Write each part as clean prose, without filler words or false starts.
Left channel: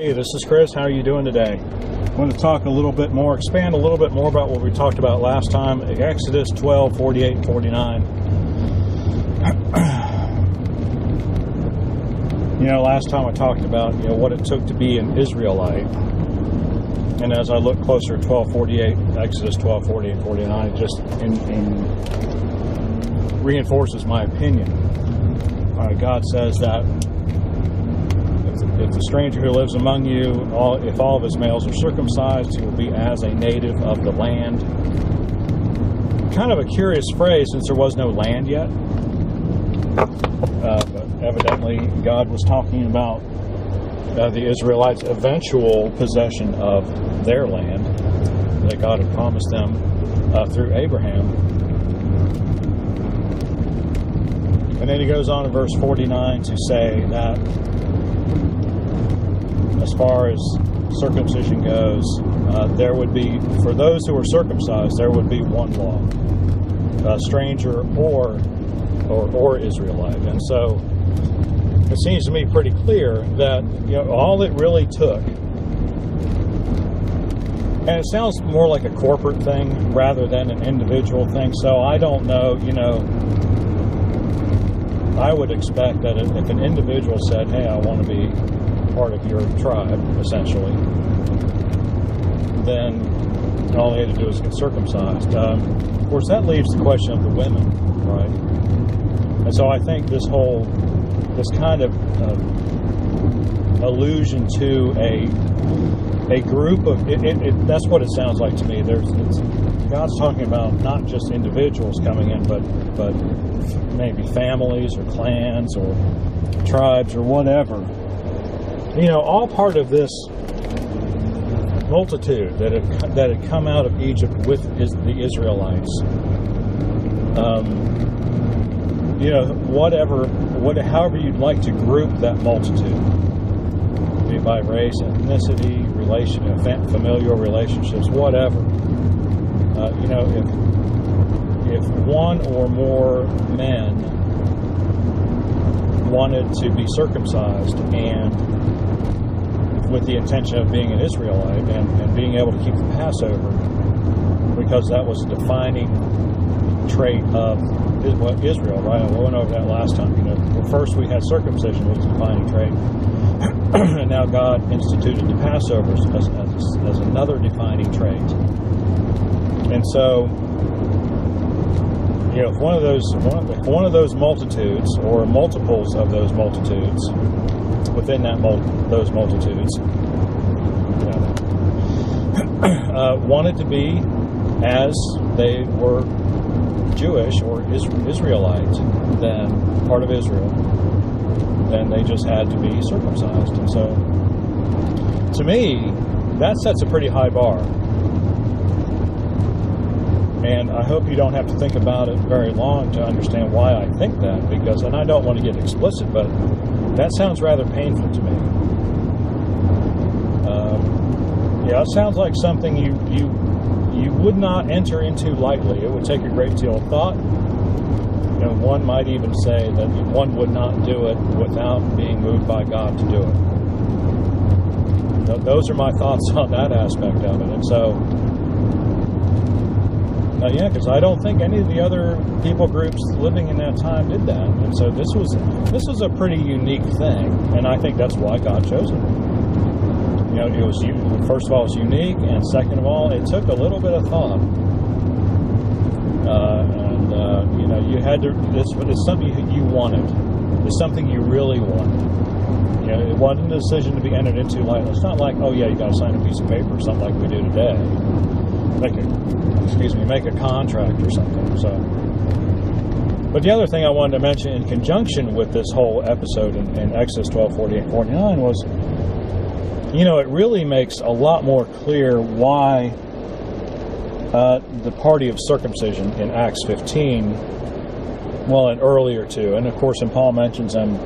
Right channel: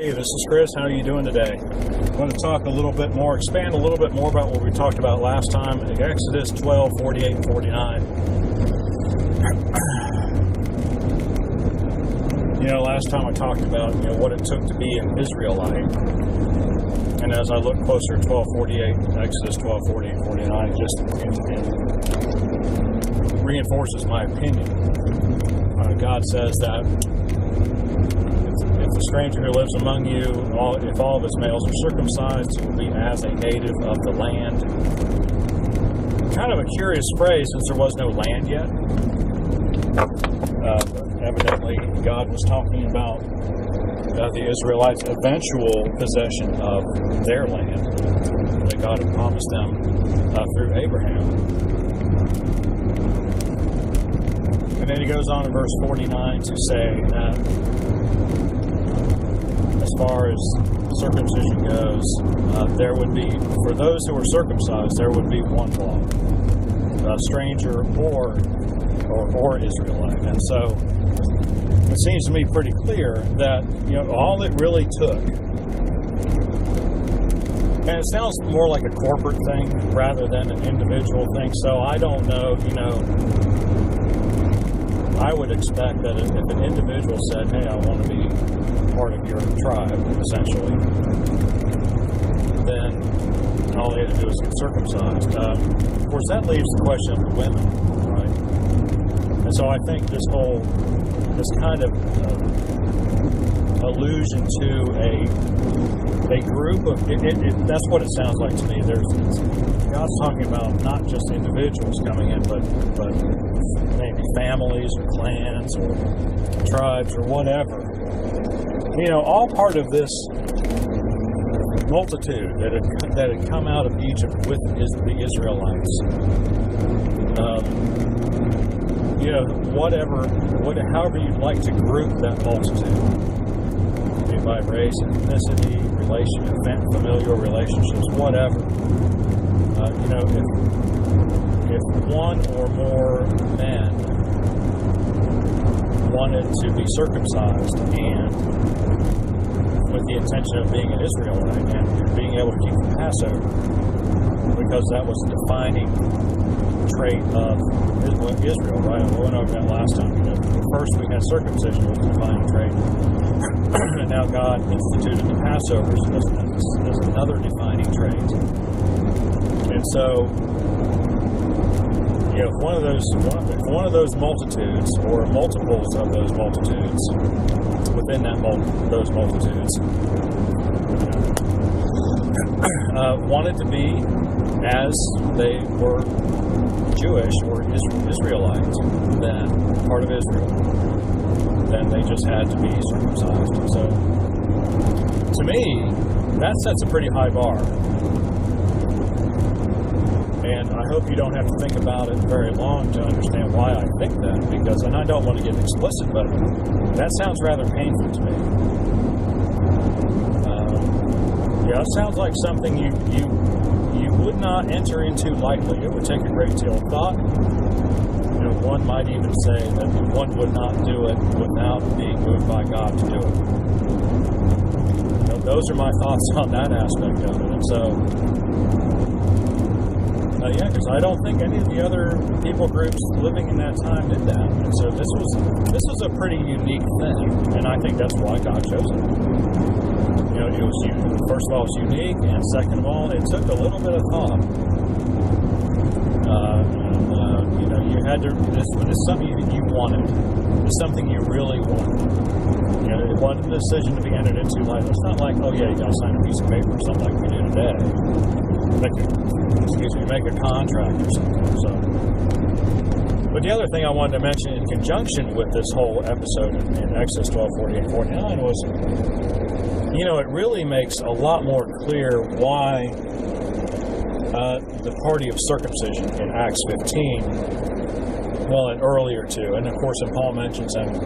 Hey, this is Chris. How are you doing today? I want to talk a little bit more, expand a little bit more about what we talked about last time, Exodus 12, 48, and 49. Last time I talked about, what it took to be an Israelite. And as I look closer at 12:48, Exodus 12, 48, and 49, it just reinforces my opinion. God says that if the stranger who lives among you, if all of his males are circumcised, he will be as a native of the land. Kind of a curious phrase since there was no land yet. But evidently, God was talking about the Israelites' eventual possession of their land that God had promised them through Abraham. And then he goes on in verse 49 to say that as far as circumcision goes, there would be, for those who were circumcised, there would be one law, stranger or Israelite. And so it seems to me pretty clear that all it really took, and it sounds more like a corporate thing rather than an individual thing. So I don't know, I would expect that if an individual said, "Hey, I want to be part of your tribe," essentially, then all they had to do is get circumcised. Of course, that leaves the question of the women, right? And so I think this kind of allusion to a group of that's what it sounds like to me. God's talking about not just individuals coming in, but maybe families or clans or tribes or whatever. All part of this multitude that had come out of Egypt with the Israelites. However you'd like to group that multitude, be it by race, ethnicity, familial relationships, whatever. If one or more men wanted to be circumcised and with the intention of being an Israelite and being able to keep the Passover, because that was a defining trait of Israel, right? I went over that last time. First we had circumcision was a defining trait, and now God instituted the Passover as another defining trait. And so, if one of those multitudes or multiples of those multitudes within those multitudes wanted to be as they were Jewish or Israelite, then part of Israel, then they just had to be circumcised. And so, to me, that sets a pretty high bar. And I hope you don't have to think about it very long to understand why I think that, and I don't want to get explicit, but that sounds rather painful to me. It sounds like something you would not enter into lightly. It would take a great deal of thought. One might even say that one would not do it without being moved by God to do it. Those are my thoughts on that aspect of it. And so, because I don't think any of the other people groups living in that time did that. And so this was a pretty unique thing, and I think that's why God chose it. It was, first of all, it's unique, and second of all, it took a little bit of thought. You had to. It's something you wanted. It's something you really wanted. It wasn't a decision to be entered into lightly. It's not like, oh yeah, you got to sign a piece of paper or something like we do today. Make a contract or something. So, but the other thing I wanted to mention in conjunction with this whole episode in Exodus 12, 48, 49 was, it really makes a lot more clear why the Party of Circumcision in Acts 15, and earlier too, and of course, and Paul mentions them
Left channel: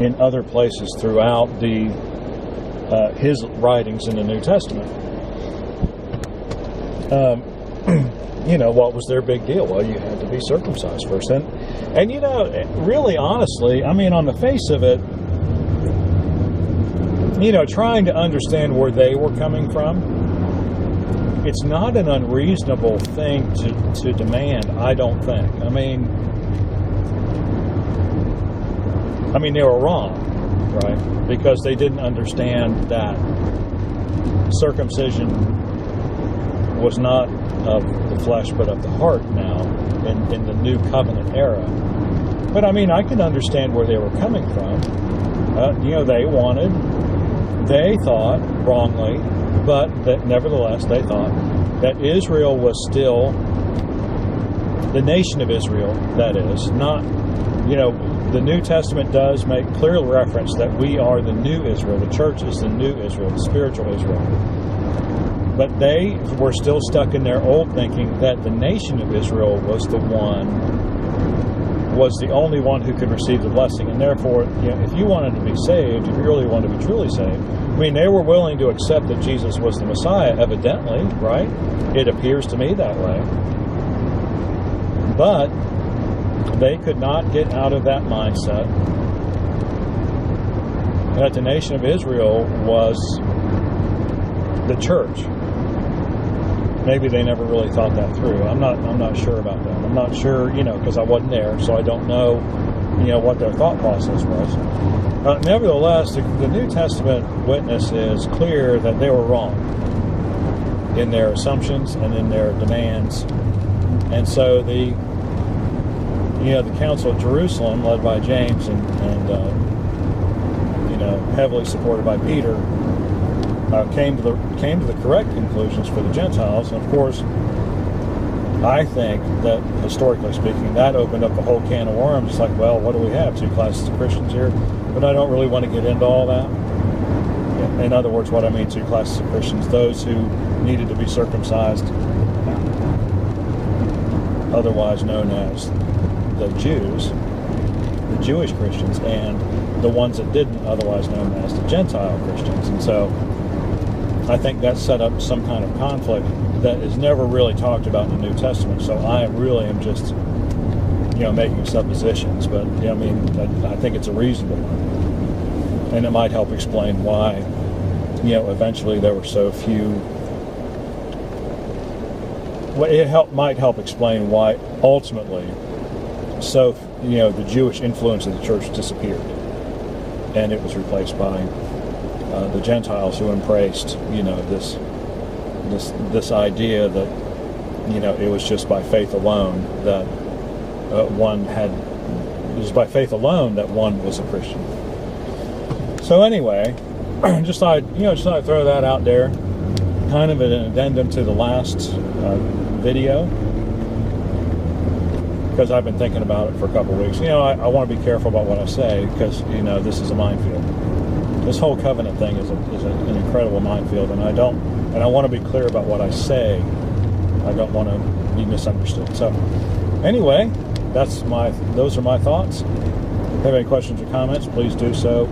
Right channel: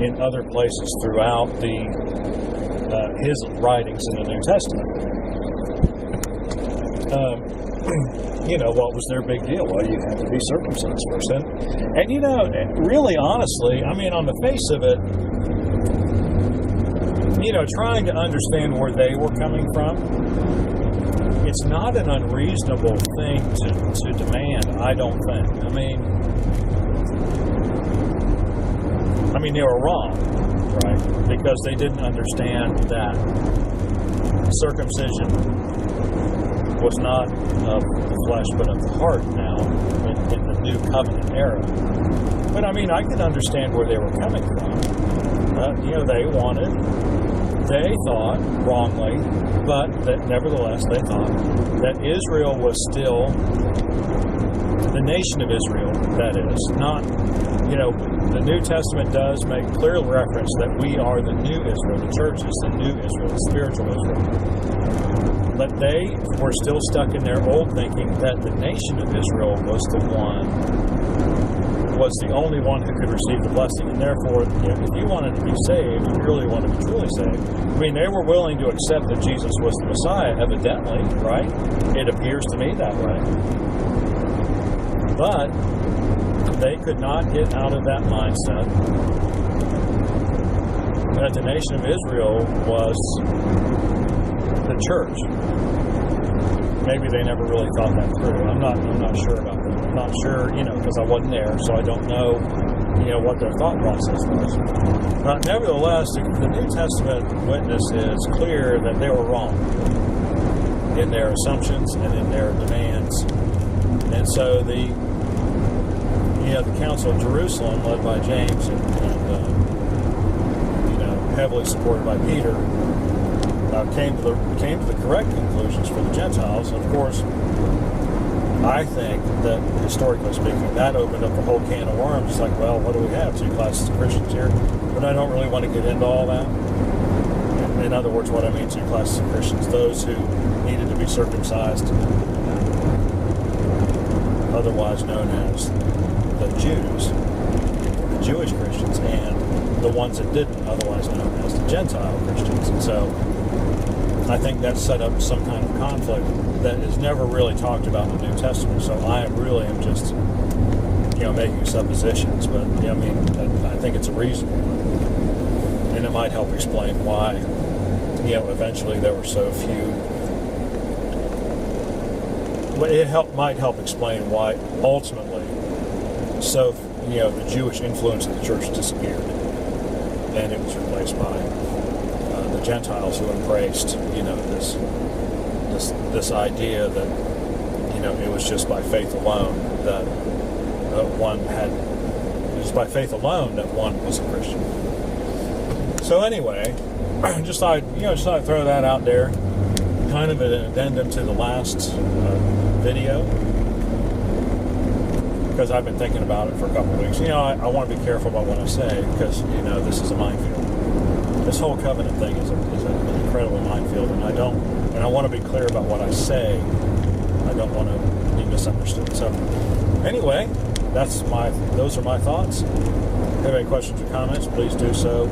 in other places throughout his writings in the New Testament. What was their big deal? Well, you had to be circumcised first. And really, honestly, on the face of it, trying to understand where they were coming from. It's not an unreasonable thing to demand, I don't think. I mean, they were wrong, right? Because they didn't understand that circumcision was not of the flesh but of the heart now in the new covenant era. But I mean, I can understand where they were coming from. They thought wrongly, but that nevertheless they thought that Israel was still the nation of Israel, that is, not, the New Testament does make clear reference that we are the new Israel, the church is the new Israel, the spiritual Israel. But they were still stuck in their old thinking that the nation of Israel was the only one who could receive the blessing. And therefore, if you wanted to be saved, if you really wanted to be truly saved, I mean, they were willing to accept that Jesus was the Messiah, evidently, right? It appears to me that way. But they could not get out of that mindset that the nation of Israel was the church. Maybe they never really thought that through. I'm not sure about that. I'm not sure, because I wasn't there, so I don't know, what their thought process was. Nevertheless, the New Testament witness is clear that they were wrong in their assumptions and in their demands. And so the Council of Jerusalem, led by James and heavily supported by Peter, came to the correct conclusions for the Gentiles. Of course, I think that, historically speaking, that opened up the whole can of worms. It's like, well, what do we have? Two classes of Christians here? But I don't really want to get into all that. In other words, what I mean, two classes of Christians: those who needed to be circumcised, otherwise known as the Jews, the Jewish Christians, and the ones that didn't, otherwise known as the Gentile Christians. And so I think that set up some kind of conflict that is never really talked about in the New Testament. So I am just, making suppositions. But I think it's a reasonable one, and it might help explain why, eventually there were so few. Well, might help explain why ultimately, the Jewish influence of the church disappeared, and it was replaced by the Gentiles who embraced, this idea that, it was just by faith alone that one was a Christian. So anyway, just thought I'd throw that out there, kind of an addendum to the last video, because I've been thinking about it for a couple of weeks. I want to be careful about what I say, because this is a minefield. This whole covenant thing is an incredible minefield, and I want to be clear about what I say. I don't want to be misunderstood. So, anyway, those are my thoughts. If you have any questions or comments, please do so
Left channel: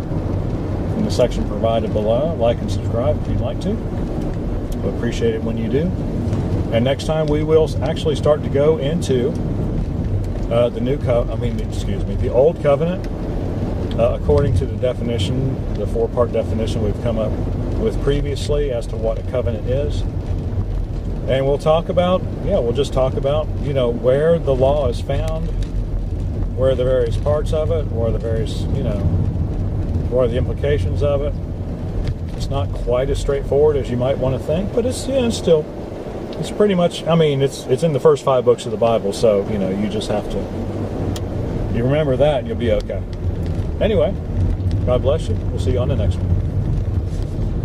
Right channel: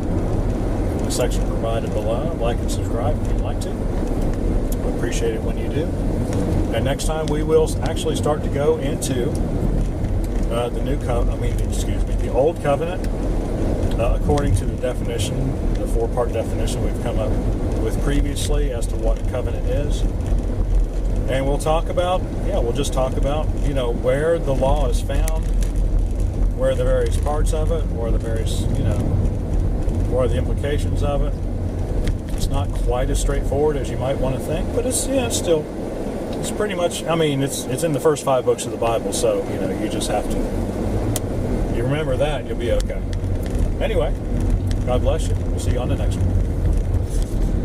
in the section provided below. Like and subscribe if you'd like to. I appreciate it when you do. And next time we will actually start to go into the Old Covenant, according to the definition, the four-part definition we've come up with previously as to what a covenant is. And we'll talk about, where the law is found, where are the various parts of it, where are the various, what are the implications of it. It's not quite as straightforward as you might want to think, but it's pretty much, it's in the first 5 books of the Bible, so, you just have to, you remember that, you'll be okay. Anyway, God bless you. We'll see you on the next one.